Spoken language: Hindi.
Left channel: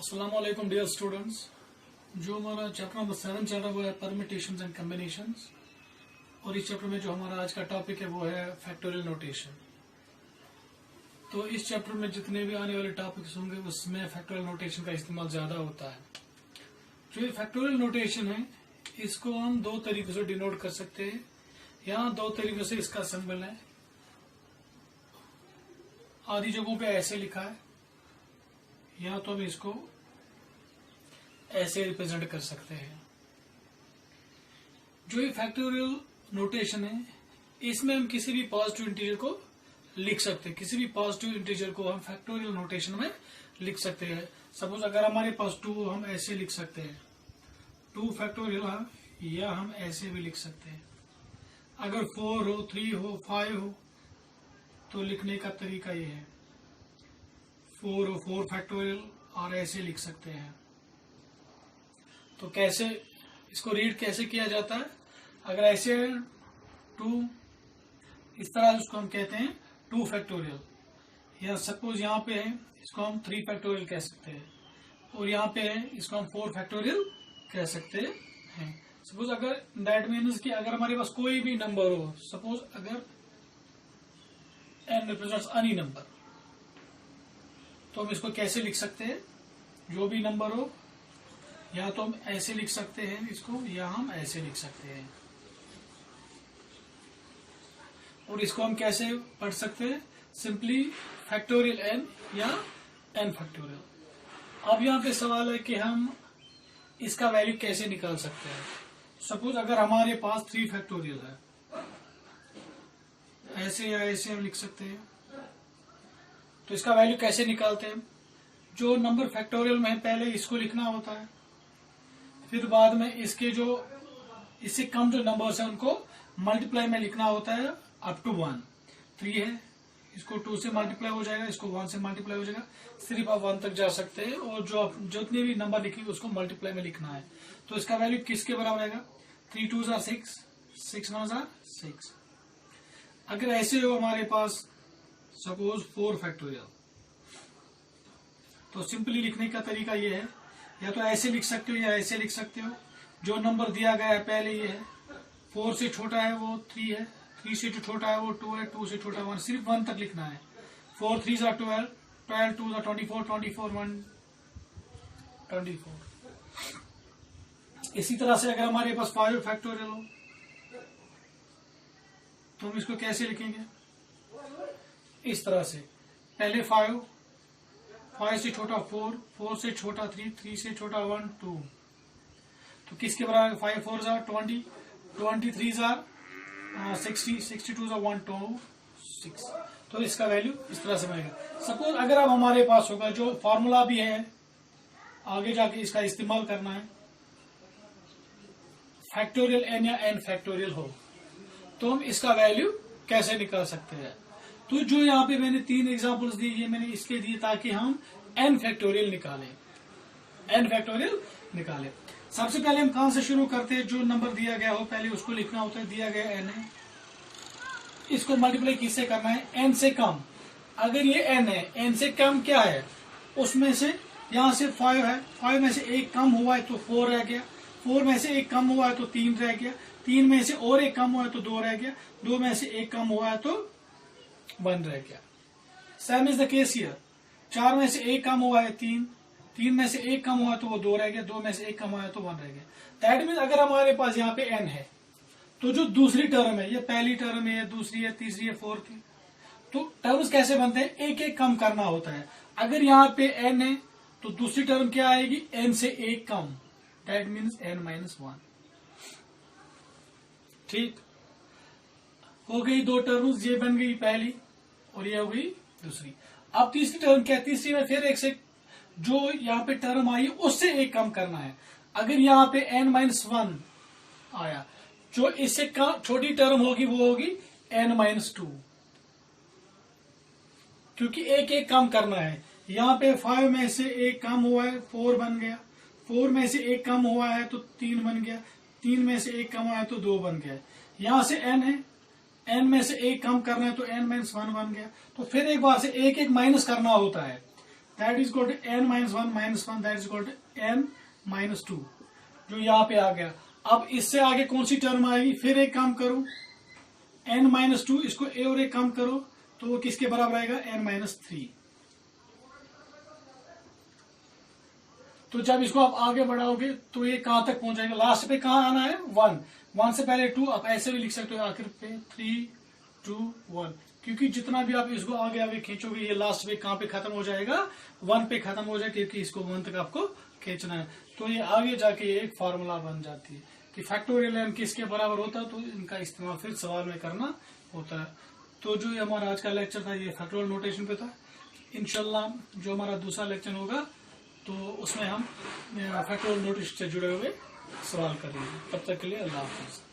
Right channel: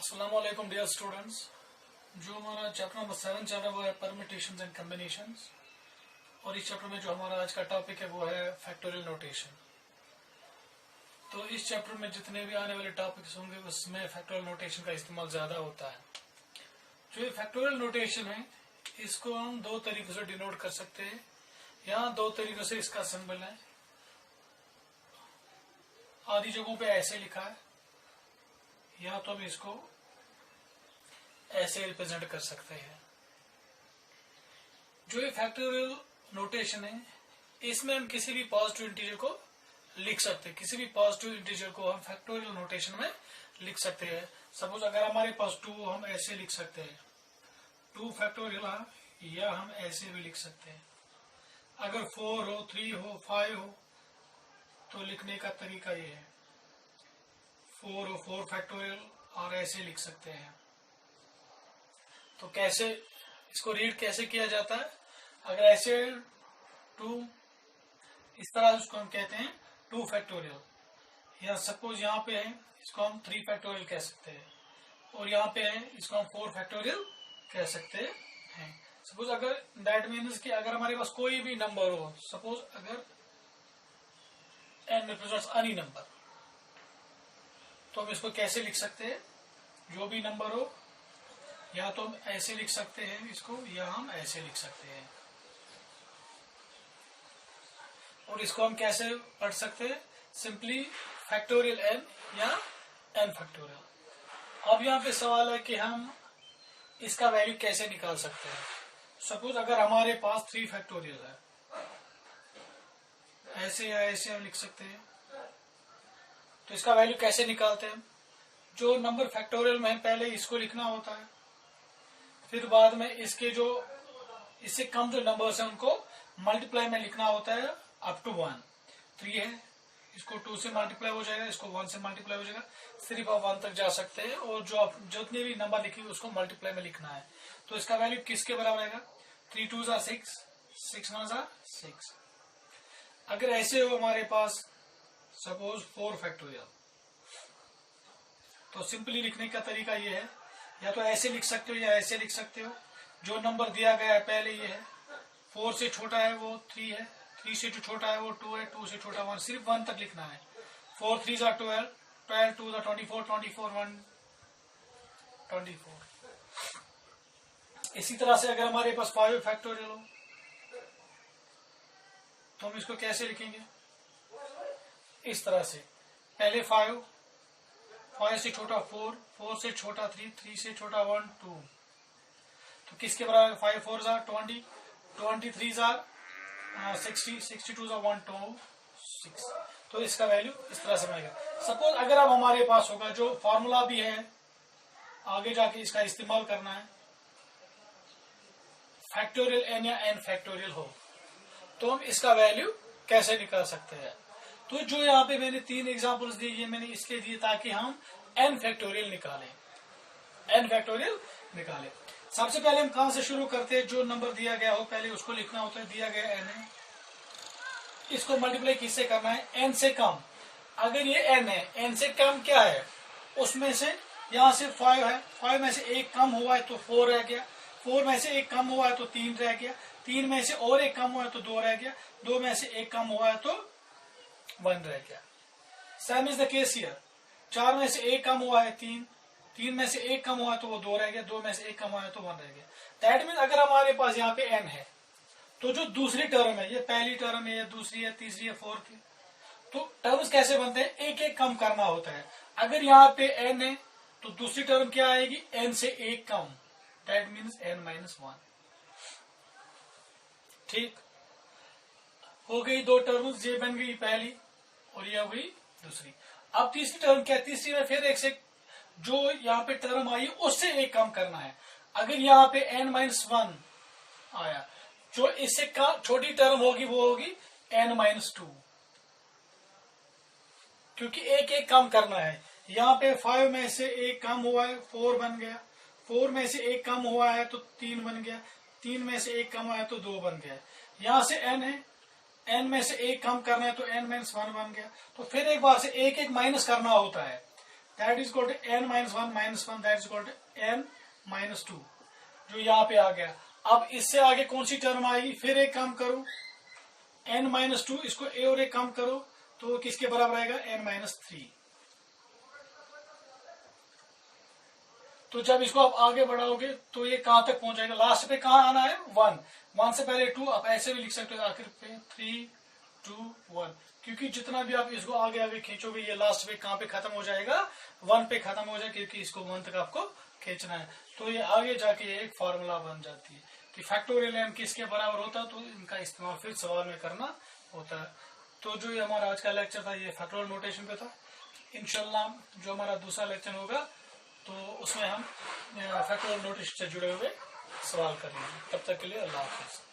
अस्सलाम वालेकुम डियर स्टूडेंट्स। जो हमारा चैप्टर नंबर 7 चल रहा है वो है परमिटेशंस एंड कॉम्बिनेशंस, और इस चैप्टर में जो हमारा आज का टॉपिक है वो है फैक्टोरियल नोटेशन। तो इस चैप्टर में जितने भी आने वाले टॉपिक्स होंगे उसमें फैक्टोरियल नोटेशन का इस्तेमाल ज्यादा होता है। जो ये फैक्टोरियल नोटेशन है इसको हम दो तरीकों से डिनोट कर सकते हैं। यहाँ दो तरीकों से इसका सिंबल है, आधी जगहों पे ऐसे लिखा है, या तो हम इसको ऐसे रिप्रेजेंट कर सकते हैं। जो ये फैक्टोरियल नोटेशन है इसमें हम किसी भी पॉजिटिव इंटीजर को लिख सकते हैं। किसी भी पॉजिटिव इंटीजर को हम फैक्टोरियल नोटेशन में लिख सकते हैं। सपोज अगर हमारे पास 2 हम ऐसे लिख सकते हैं 2 फैक्टोरियल, या हम ऐसे भी लिख सकते हैं। अगर 4 हो 3 हो 5 हो तो लिखने का तरीका ये है 4 हो 4 फैक्टोरियल, और ऐसे लिख सकते हैं। तो कैसे इसको रीड कैसे किया जाता है? अगर ऐसे 2 इस तरह इसको हम कहते हैं 2 फैक्टोरियल, या सपोज यहाँ पे है इसको हम 3 फैक्टोरियल कह सकते हैं, और यहाँ पे है इसको हम 4 फैक्टोरियल कह सकते हैं। सपोज अगर दैट मीन्स कि अगर हमारे पास कोई भी नंबर हो, सपोज अगर n रिप्रेजेंट्स एनी नंबर, तो हम इसको कैसे लिख सकते हैं? जो भी नंबर हो, या तो हम ऐसे लिख सकते हैं इसको, या हम ऐसे लिख सकते हैं। और इसको हम कैसे पढ़ सकते हैं? सिंपली फैक्टोरियल n या n फैक्टोरियल। अब यहाँ पे सवाल है कि हम इसका वैल्यू कैसे निकाल सकते हैं। सपोज अगर हमारे पास 3 फैक्टोरियल है, ऐसे या ऐसे हम लिख सकते हैं। तो इसका वैल्यू कैसे निकालते हैं? जो नंबर फैक्टोरियल में है पहले इसको लिखना होता है, फिर बाद में इसके जो इससे कम जो नंबर्स हैं उनको मल्टीप्लाई में लिखना होता है अप टू 1। 3 है, इसको 2 से मल्टीप्लाई हो जाएगा, इसको 1 से मल्टीप्लाई हो जाएगा, सिर्फ आप 1 तक जा सकते हैं, और जो आप जितने भी नंबर लिखेंगे उसको मल्टीप्लाई में लिखना है। तो इसका वैल्यू किसके बराबर आएगा? 3 2 6, 6 9 6। अगर ऐसे हो हमारे पास सपोज 4 फैक्टोरियल, तो सिंपली लिखने का तरीका ये है, या तो ऐसे लिख सकते हो या ऐसे लिख सकते हो। जो नंबर दिया गया है पहले ये है, 4 से छोटा है वो 3 है, 3 से जो छोटा है वो 2 है, 2 से छोटा 1, सिर्फ 1 तक लिखना है। 4 3 12, 12 2 24, 24 1 24। इसी तरह से अगर हमारे पास 5 फैक्टोरियल हो तो हम इसको कैसे लिखेंगे? इस तरह से, पहले 5 से छोटा 4, 4 से छोटा 3, 3 से छोटा 1 2। तो किसके बराबर? 5 4 20, 23 60, 62 126। तो इसका वैल्यू इस तरह से बनेगा। सपोज अगर अब हमारे पास होगा, जो फॉर्मूला भी है आगे जाके इसका इस्तेमाल करना है, फैक्टोरियल n या n फैक्टोरियल हो, तो हम इसका वैल्यू कैसे निकाल सकते हैं? तो जो यहाँ पे मैंने 3 एग्जांपल्स दिए, ये मैंने इसलिए दिए ताकि हम n फैक्टोरियल निकालें। सबसे पहले हम कहां से शुरू करते हैं? जो नंबर दिया गया हो पहले उसको लिखना होता है। दिया गया n है, इसको मल्टीप्लाई किससे करना है? n से कम। अगर ये n है, n से कम क्या है? उसमें से यहाँ से 5 है, 5 में से एक कम हुआ है तो 4 रह गया, 4 में से एक कम हुआ है तो 3 रह गया, 3 में से और एक कम हुआ है तो 2 रह गया, 2 में से एक कम हुआ है तो 1 रह गया। Same is the case here, 4 में से एक कम हुआ है 3, 3 में से एक कम हुआ है तो वो 2 रह गया, 2 में से एक कम हुआ है तो 1 रह गया। दैट मीन्स अगर हमारे पास यहाँ पे n है, तो जो दूसरी टर्म है, ये पहली टर्म है, ये दूसरी है, तीसरी है, फोर्थ है, तो टर्म्स कैसे बनते हैं? एक एक कम करना होता है। अगर यहाँ पे n है तो दूसरी टर्म क्या आएगी? n से एक कम, दैट मीन्स n - 1। ठीक हो गई 2 टर्म्स, ये बन गई पहली और ये हो गई दूसरी। अब तीसरी टर्म क्या है? तीसरी में फिर एक से जो यहाँ पे टर्म आई उससे एक कम करना है। अगर यहाँ पे n - 1 आया, जो इससे कम छोटी टर्म होगी वो होगी n - 2, क्योंकि एक एक कम करना है। यहाँ पे 5 में से एक कम हुआ है 4 बन गया, 4 में से एक कम हुआ है तो 3 बन गया, 3 में से एक कम हुआ है तो 2 बन गया। यहाँ से n है, n में से एक कम करना है तो n - 1 बन गया। तो फिर एक बार से एक एक माइनस करना होता है। That is equal to n minus one that is equal to n minus two, जो यहाँ पे आ गया। अब इससे आगे कौन सी टर्म आएगी, फिर एक काम करो n माइनस टू, इसको a और एक काम करो तो किसके बराबर आएगा, n माइनस थ्री। तो जब इसको आप आगे बढ़ाओगे तो ये कहां तक पहुंच जाएगा, लास्ट पे कहां आना है, 1, 1 से पहले 2, आप ऐसे भी लिख सकते हो आखिर पे 3, 2, 1, क्योंकि जितना भी आप इसको आगे आगे खींचोगे ये लास्ट पे कहां पे खत्म हो जाएगा, 1 पे खत्म हो जाएगा, क्योंकि इसको 1 तक आपको खींचना है। तो ये आगे जाके एक फॉर्मूला बन जाती है कि फैक्टोरियल n किसके बराबर होता है, तो इनका इस्तेमाल फिर सवाल में करना होता है। तो जो ये हमारा आज का लेक्चर था ये फैक्टोरियल नोटेशन पे था। इंशाल्लाह जो हमारा दूसरा लेक्चर होगा तो उसमें हम फैक्टोरियल नोटेशन से जुड़े हुए सवाल करेंगे। तब तक के लिए अल्लाह हाफिज।